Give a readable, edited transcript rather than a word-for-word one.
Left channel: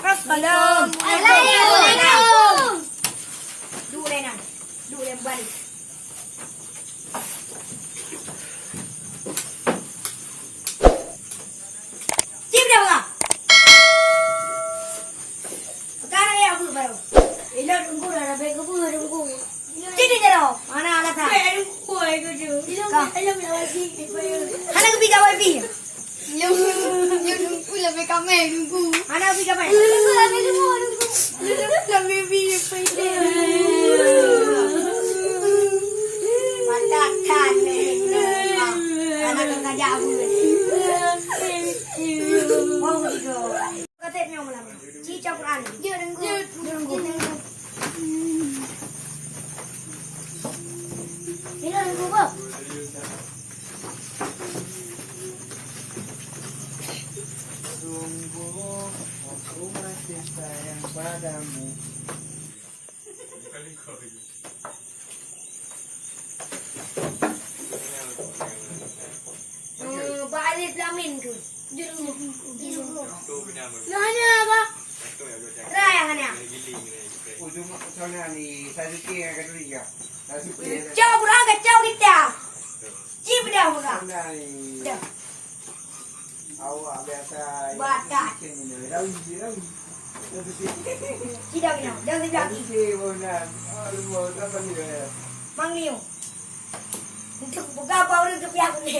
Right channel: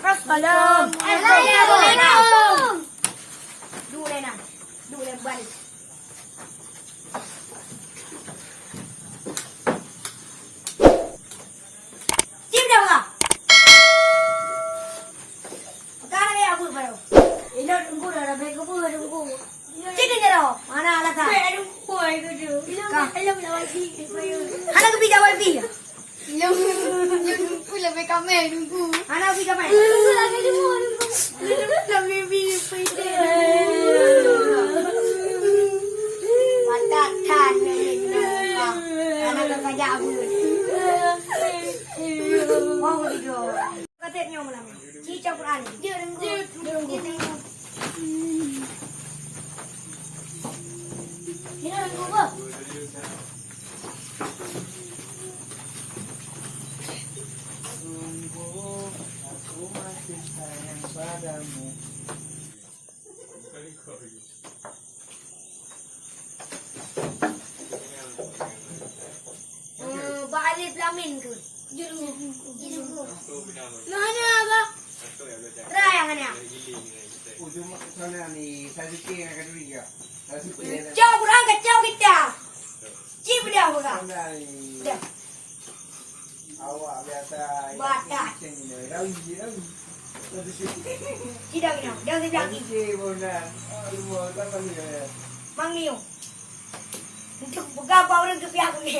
Assalamualaikum. Dulu Lena. Dulu yang balik. Cip dah bang. Sekarang ya aku baru. Ini tunggu dah baik aku tunggu. Cip dia dah. Mana alat tak? Tunggu aku tu. Ini wifi. Anak pergi jawab wifi. Yung lebih kami nunggu. Anak pergi jawab. Nunggu lagi nunggu. Lebih video pasti. Matakan anak kakak jawab. Wow itu. Katanya malam. Cica Quran. Dia nunggu. Ini nunggu. Sungguh aku masih sayang padamu. Balik Lamin ke? Di nunggu. Yang hanya apa? Raya hanya. Ujung soalnya ni saya suka yang ketiga. Saya suka. Jauh Quran kacau kita. Cip dia bukan? Soalnya ni. Dah. Awak biasa. Bakat. Tidak kena. Dah sejak ni. Mang Niu. Untuk berapa orang ke pihak ni?